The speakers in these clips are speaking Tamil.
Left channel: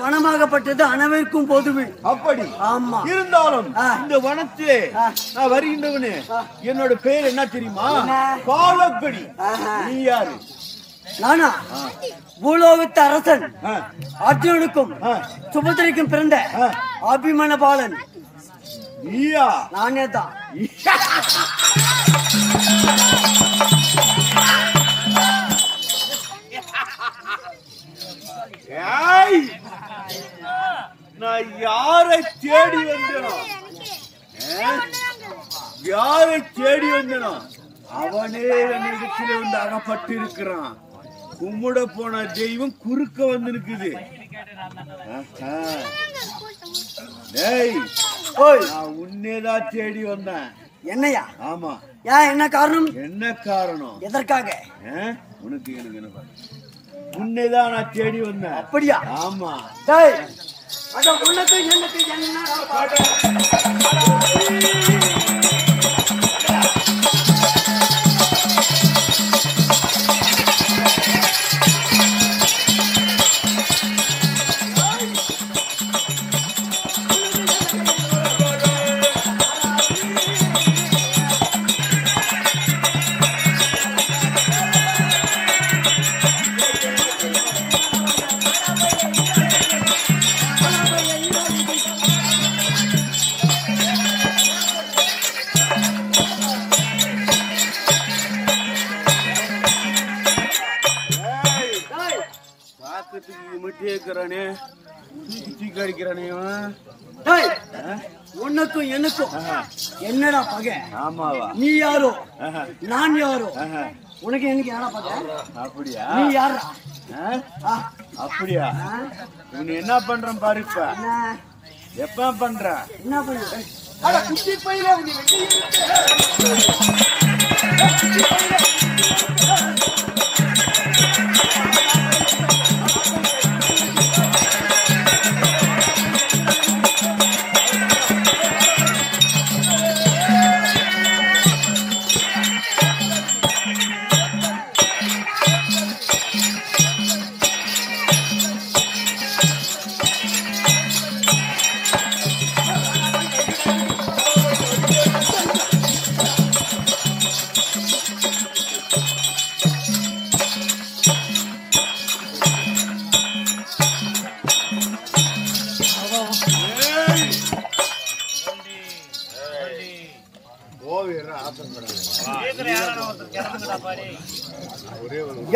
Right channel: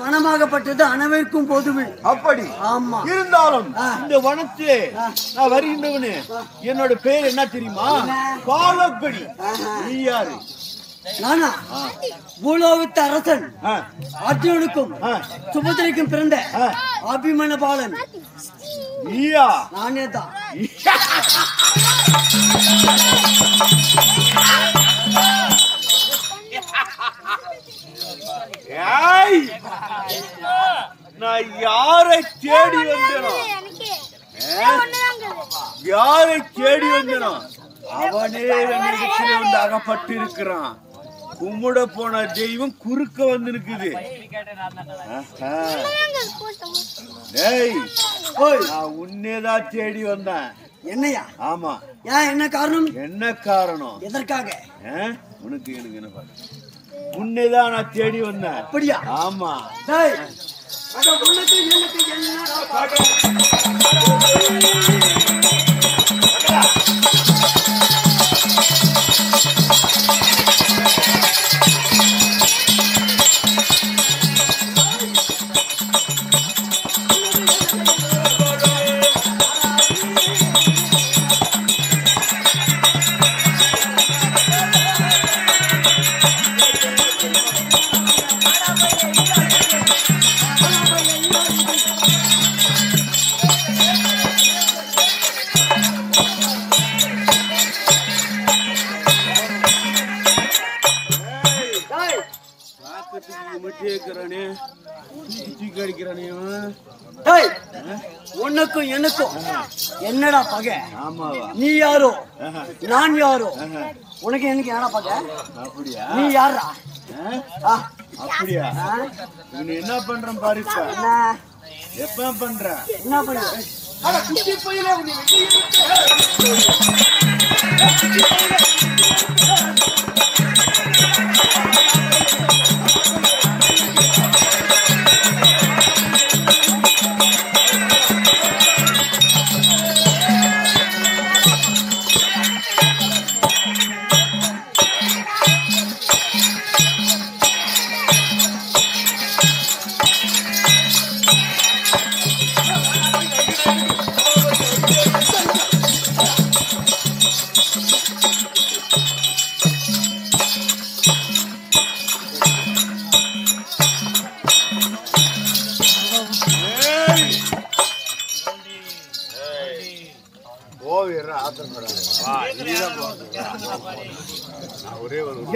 வனமாகப்பட்டது அனைவருக்கும் பொதுவே. அப்படி ஆமா. இருந்தாலும் இந்த வனத்திலே நான் வருகின்றவனு என்னோட பேர் என்ன தெரியுமா? காலப்படி. நீ யாரு? நானா பூலோகத்து அரசன் அர்ஜுனுக்கும் சுபத்திரைக்கும் பிறந்த அபிமன பாலன். நீயா? நானே தான். நான் யாரை தேடி வந்தேனோ, யாரை தேடி வந்தேனோ அவனே என்னிடத்திலே வந்து அகப்பட்டு இருக்கிறான். கும்பிட போன தெய்வம் குறுக்க வந்து நிக்குது. நான் உன்னேதான் தேடி வந்தேன். என்னையா? ஆமா. ஏன், என்ன காரணம்? என்ன காரணம்? எதற்காக? உனக்கு எனக்கு என்ன? உன்னைதான் நான் தேடி வந்தேன். அப்படியா? ஆமா. உனக்கும் எனக்கும் என்னடா பகை? ஆமாவா? நீ யாரோ நான் யாரோ? உனக்கு எனக்கு என்னடா பகை? அப்படியா? நீ யாரா? அப்படியா? இவனு என்ன பண்றான் பாரு. எப்ப பண்ற? என்ன பண்ற? குட்டி பையில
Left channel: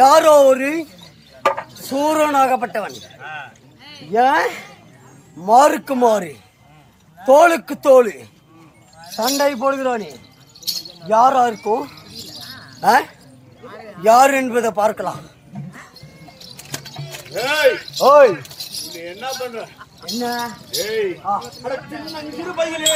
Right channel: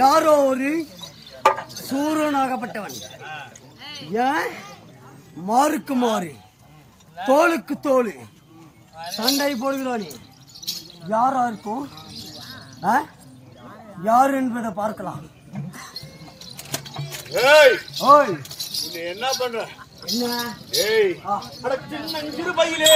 யாரோ ஒரு சூரனாகப்பட்டவன். ஏன் மாருக்கு மாறு தோளுக்கு தோளு சண்டை போடுகிறானே, யாரா இருக்கும்? யார் என்பதை பார்க்கலாம். என்ன பண்ற? என்ன? சின்னஞ்சிறு பையிலே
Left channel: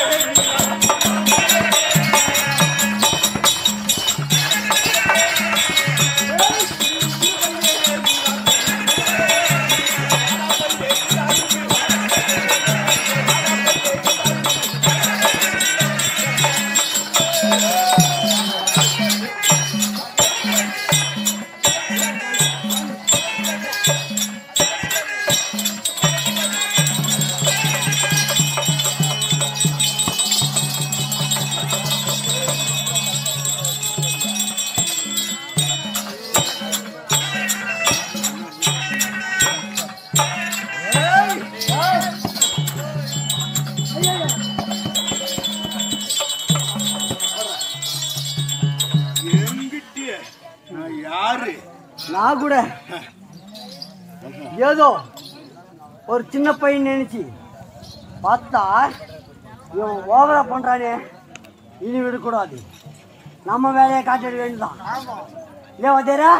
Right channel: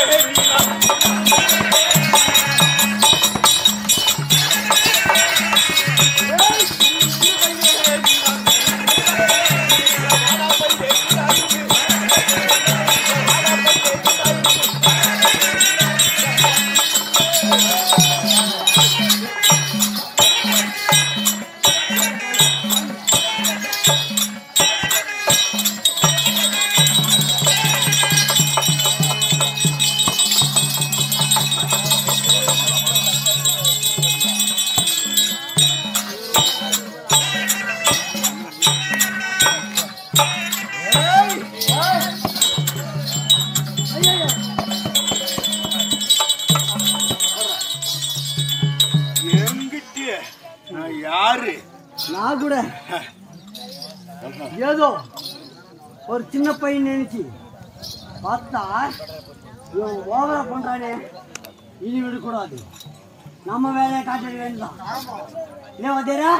நான் கூட ஏதோ ஒரு சின்ன பையன் நினைச்சு பார்த்தா இவன் ஓவரா பண்றானே, இனி விடக்கூடாது. நம்ம வேலையை காட்டிட வேண்டியதான். ஏன் வந்தேரா?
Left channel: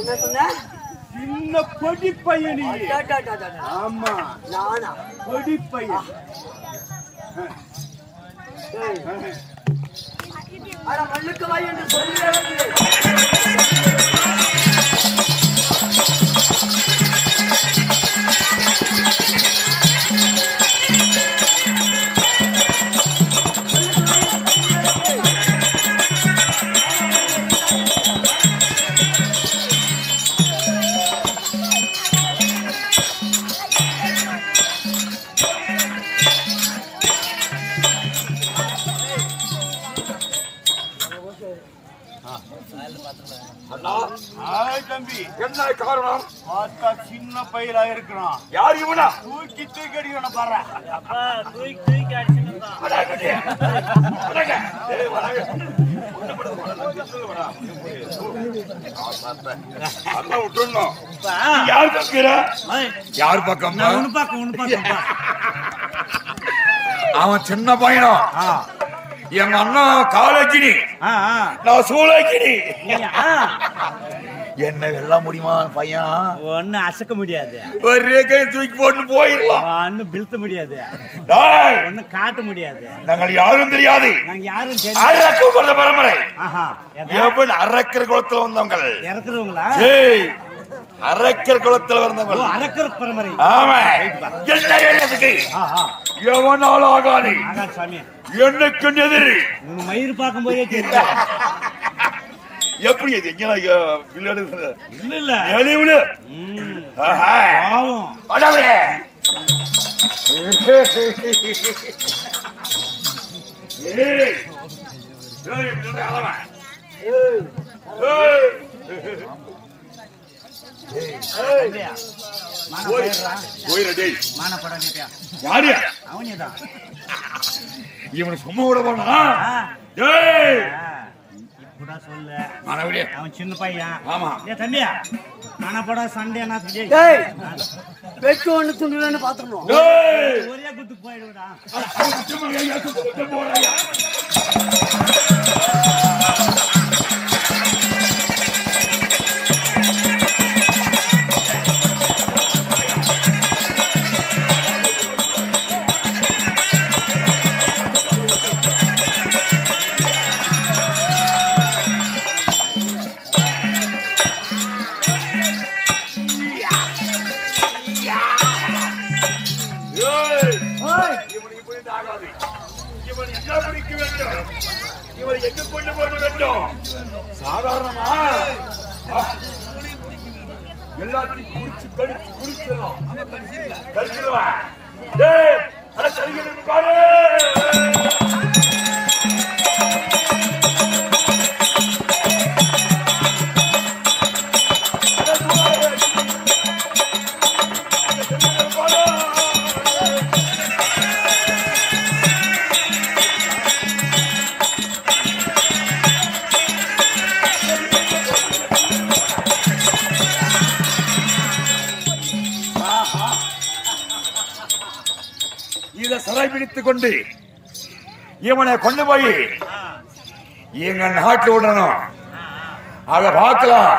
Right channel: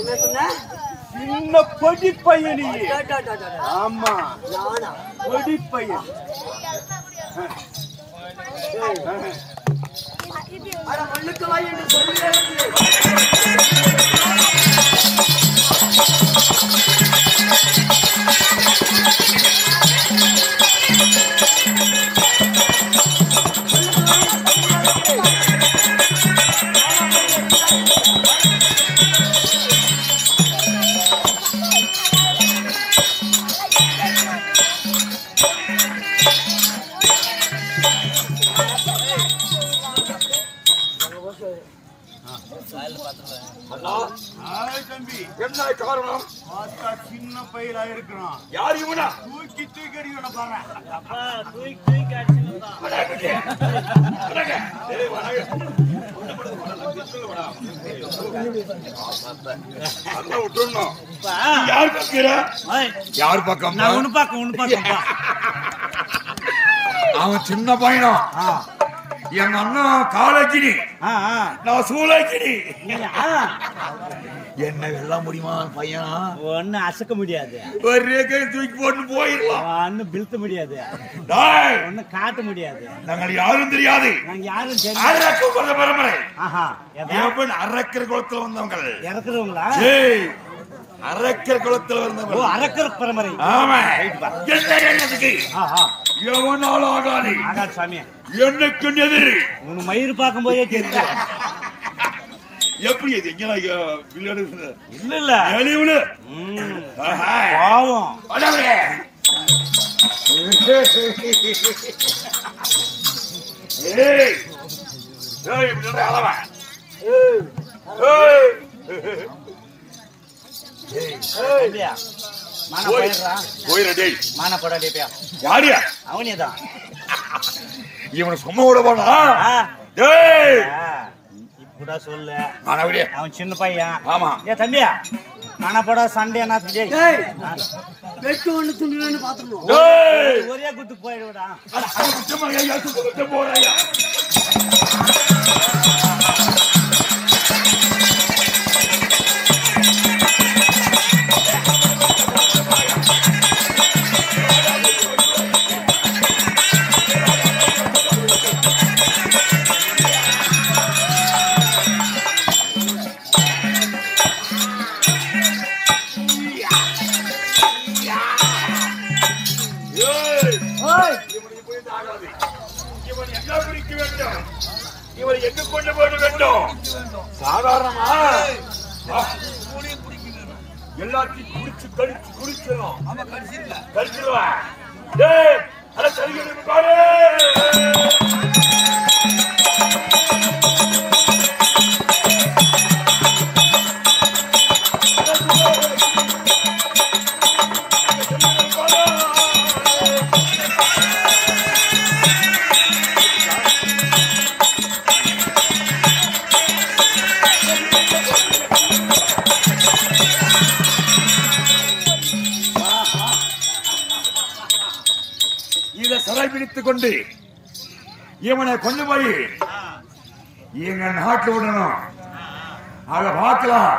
என்ன சொன்ன? சின்ன பொடி பையன். ஆமா, நானா பொடி பையன். அட மண்ணுக்கு வாய் என்று சொல்லிட அண்ணா தம்பி என்ன காரணம்? பார்த்தா சின்ன பயிரா இருக்கிறான். யார் இவனா? தூக்கி தூக்கி அடிக்கணும் பாரு. யார் பக்கம்? யார் பக்கம்? அவன் சின்ன பையனும் எங்க அண்ணா காலேஜினி, நான் சூழாச்சினி. என்ன வெல்ல முடியுமா பையன்? ஒண்ணு அசக்க முடியாது, ஒரே கை தூக்கி போட்டு போயிடலாம். ஒண்ணு பிழ்த்த முடியாது, ஒண்ணு காட்ட முடியாது. நாங்கள் யாரும் தெரியாது, நாங்க யாரும் அரக்கர் குளத்துல வந்தவங்க. இறக்குறவங்களா? அரக்கர் குளத்துல வந்தவங்க. அரக்கர் பரம்பரை. எவனாலும் ஆகாது சாமி. என்னைக்கு எதிரி உன் மயிறு பார்க்கும் போதே தெரியும். எப்படி அது எங்க இல்ல இல்ல பாவம். அவனேதான் இவனை சும்மா விட போனா இப்படா சொல்லு. மாணவரே, அவன் சின்ன பையன். ஆமா. ஏ தம்பியா, மனப்படா சண்டே என்ன வெட்டு ஒண்ணு துண்டுன்னு பாத்துக்கணும். ஒரே குத்து போயிடுடா. இவன் என்ன பிடிக்க வேண்டும்? இவன் எங்க கொண்டு போட வேண்டும்? சாதாரணமா எல்லாத்தையும் குடிச்சு கழிச்சு குடிச்சிடும். கழிச்சிடுவேன். அட சரிங்க பாரு. இதை சரை பிடித்துக் கொண்டு இவனை கொண்டு போய் எங்க நாட்டில் விடணும். அதை பார்க்கலாம்.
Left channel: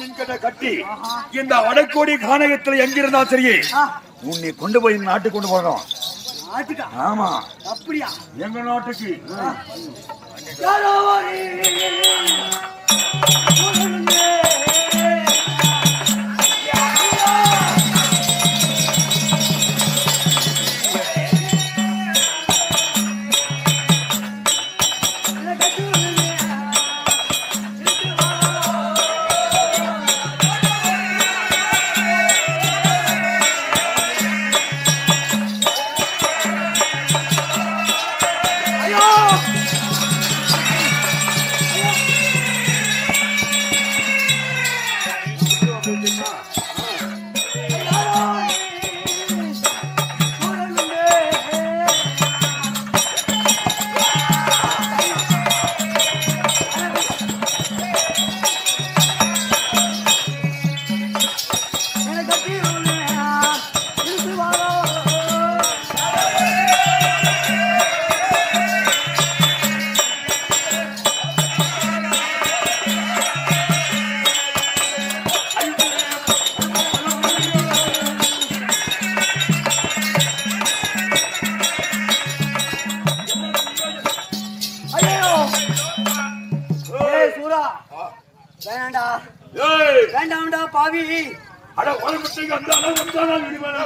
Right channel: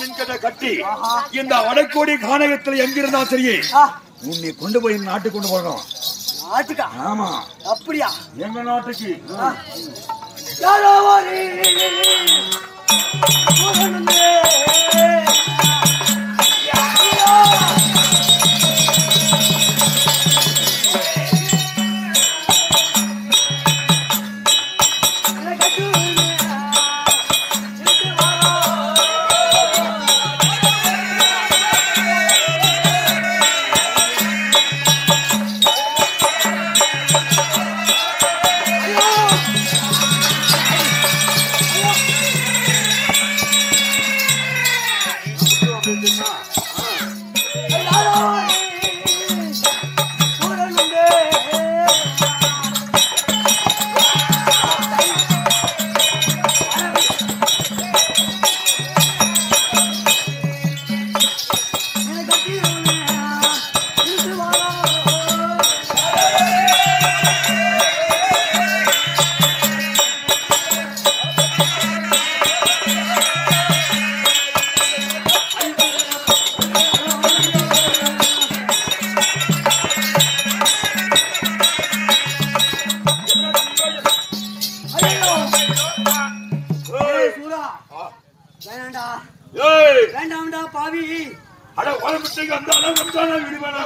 மின்கட்ட கட்டி இந்த வடக்கோடி கானகத்தில் எங்கிருந்தா சரி உன்னை கொண்டு போய் நாட்டுக்கு கொண்டு போகணும். நாட்டுக்கா? ஆமா. அப்படியா? எங்க நாட்டுக்கு. வேண்டாம்டா பாவி. அட உடம்புக்கு அந்த அளவு விடுவானா?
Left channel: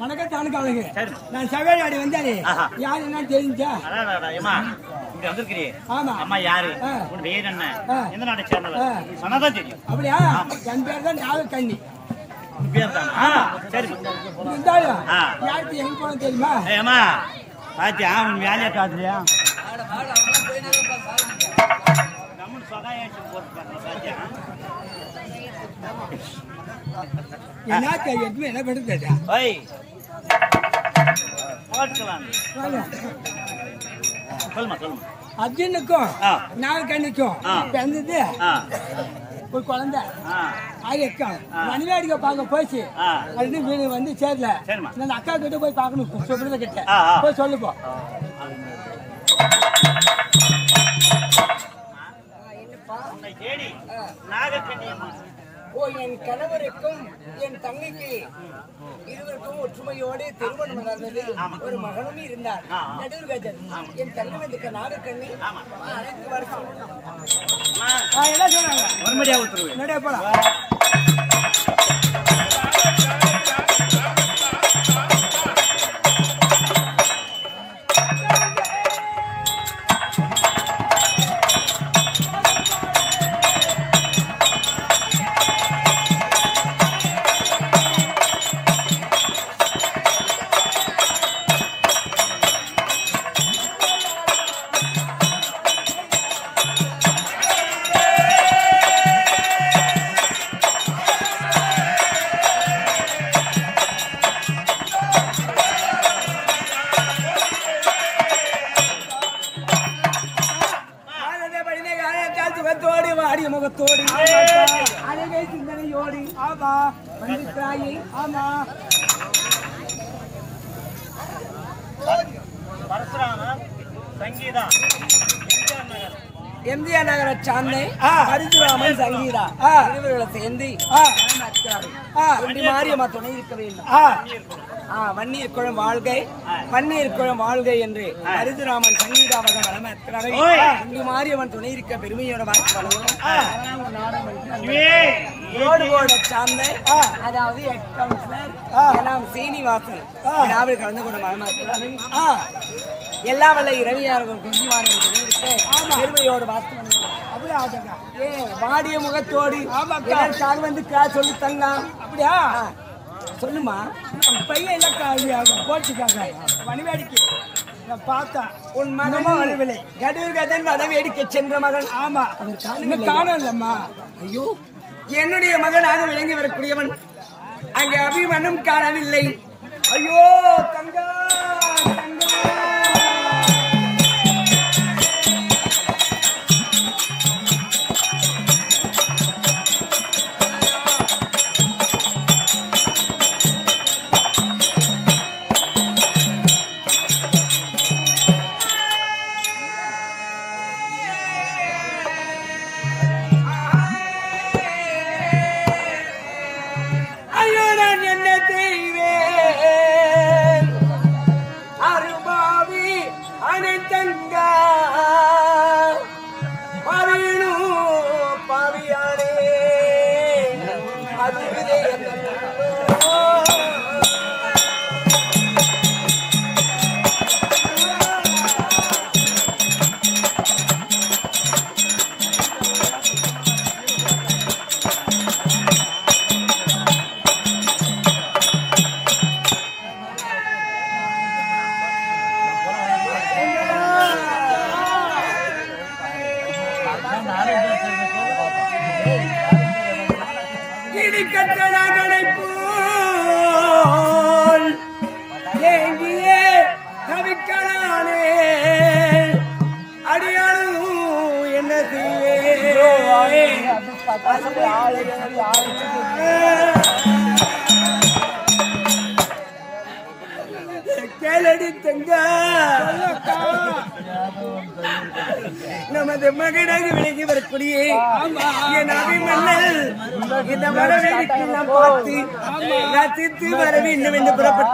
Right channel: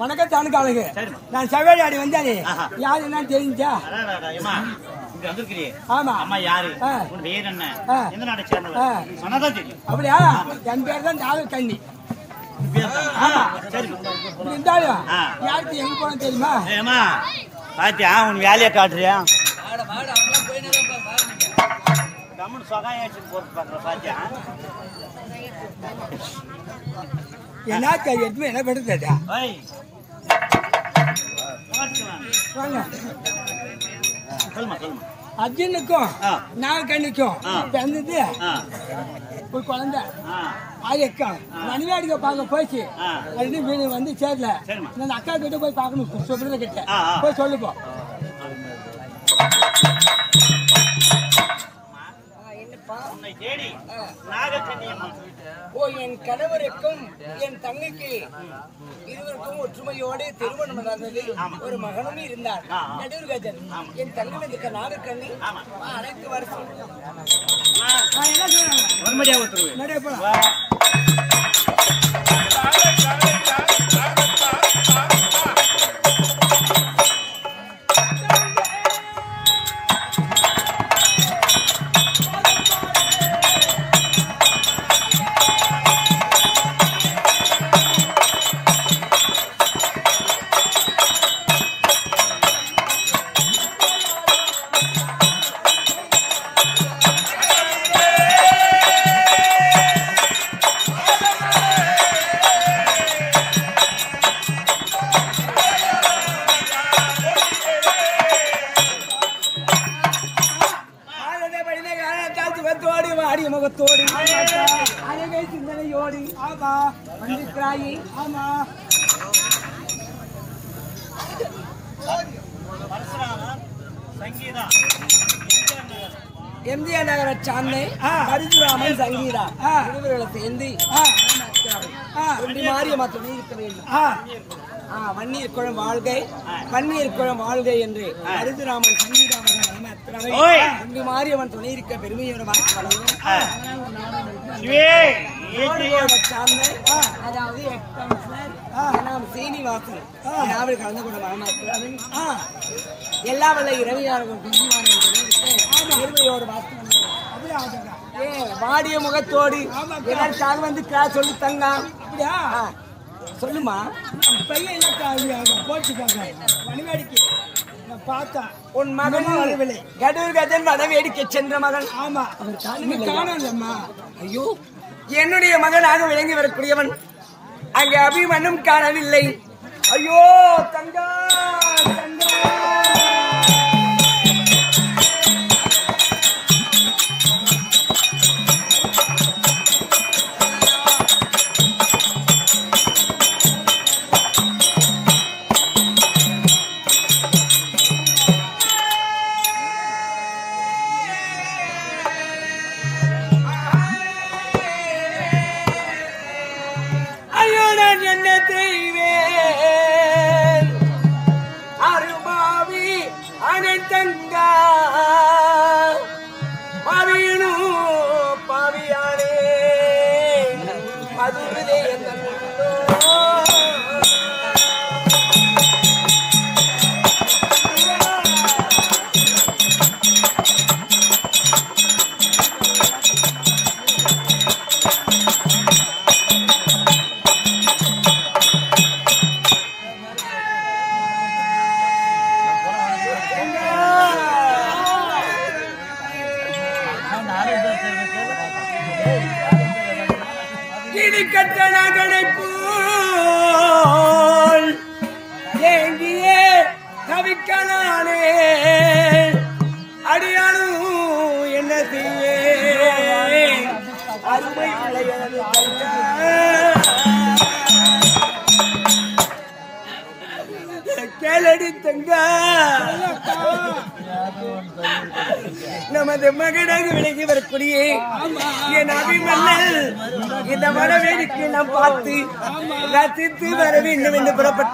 வணக்கம் தானுக்காளுங்க. சரிம்மா. நான் செவ்வாடி வந்தாரு. ஆஹா. யாரு என்ன தெரிஞ்சா? அதான் ஏமா இங்க வந்திருக்கிறியே. ஆமா. அம்மா யாரு? ஆ. உன் பேர் என்ன? ஆ. எந்த நாட்டை சேர்ந்தவர்? சொன்னதான் தெரியும். அப்படியா? என் பேர் தான் நாகக்கண்ணி. உன் பேர் தான். ஆமா. சரி. இருந்தாலும் ஆ. யாருக்கு எங்க போன தெரியுமா? ஏமா பாத்தியா உன் வேலையை காட்டுறியா? கம்முனு சொகாயம் போட்டு பாக்குற பாத்தியா? என்ன எடுத்து என்ன படுத்தா? ஓய் போட்டுக்கலாம். வாங்க. சொல்லுமா சொல்லுமா. அர்ஜுனுக்கும் ஆ. நாகக்கண்ணிக்கும் ஆ. பிறந்தது ஆ ஒரு குழந்தை. ஆ அக்கா மணிவேடிக்கை பார்க்க போச்சு. ஆ. ரெண்டு வீடு வந்து சேரல. சரிம்மா. நான் அக்கா கிட்ட போய் பார்க்கணும். சொல்றத கிட்ட ஆ, ஆ. போய் சொல்லுப்போம். உன்னை தேடி நாகக்கண்ணியம்மா. ஓ, என் கணவருக்கும் என் தங்கைக்கு இருவருக்கும் ஒற்றுமையோடு திருமணம் நடந்தது. ஒரு மகனும் இருந்தார். நடுவர்கஜன். என் தங்கம் இந்த நாகக்கண்ணி அனைத்து வருஷம் மறுபடியா உத்தரவு. வாடிய முகத்தோடி அழகை சிந்தனையோடி ஆமா வந்திருக்கிறாயே. ஆமா பரசுராமர் சங்கீதா எம்ஜிஆர் நகர சாந்தை பரசுராமன் சங்கீதா இருவர்களை சேர்ந்து மாரியம்மா துணை இருக்க வேண்டும். வன்னீர் குளம் வாழ்கை வன்னீர் குளம் வாழ்கை என்று பரசுராமன் சங்கீதாவதம் வளர்க்கிறார்கள். மாரியம்மன் துணை இருக்க பெருமையோட வாக்கு வளர்கிறோம். சார்ந்த அதாவது ஹெட் கவுன்சிலர் சீனிவாசன் விழாவில் கலந்து கொண்ட மனமாக்கிறார்கள். எல்லா வல்ல இரவியாளர்கள் குஞ்சுமாரின் துணை இருக்க பெருமையோட வாக்கு வாடிய முகத்தோடு எல்லாருக்காக வந்து சொல்லி தங்க. அப்படியா? சொல்லுமா. பையன் போட்டுக்காங்க மணிவேடிக்கை பார்த்தா உன் மகனும் வரவில்லை. கடவுள் மனவேடிக்கை சென்ற மகன். ஆமா அவர் காணலம்மா. ஐயோ, என்னுடைய மகனாக விளங்கி வரக்கூடியவன் அங்கே அபிமன்யும் காணவில்லை. ஐயோ தங்கா தங்கா. என்ன செய்வேன் அருமாவி அனைத்தங்கா பாவியனு பாவியானே அதுவே கட்டணகனை போல் ஏங்கியே தவிக்கலானே அடியானும் என்ன செய்யே கேளடி தங்க நமது மகனாக விலகி வரக்கூடிய என் அபிமன்னல் இந்த மனவேடிக்கை நாம் பார்த்து ரசித்து வர வேண்டும் என்று புறப்பட்டு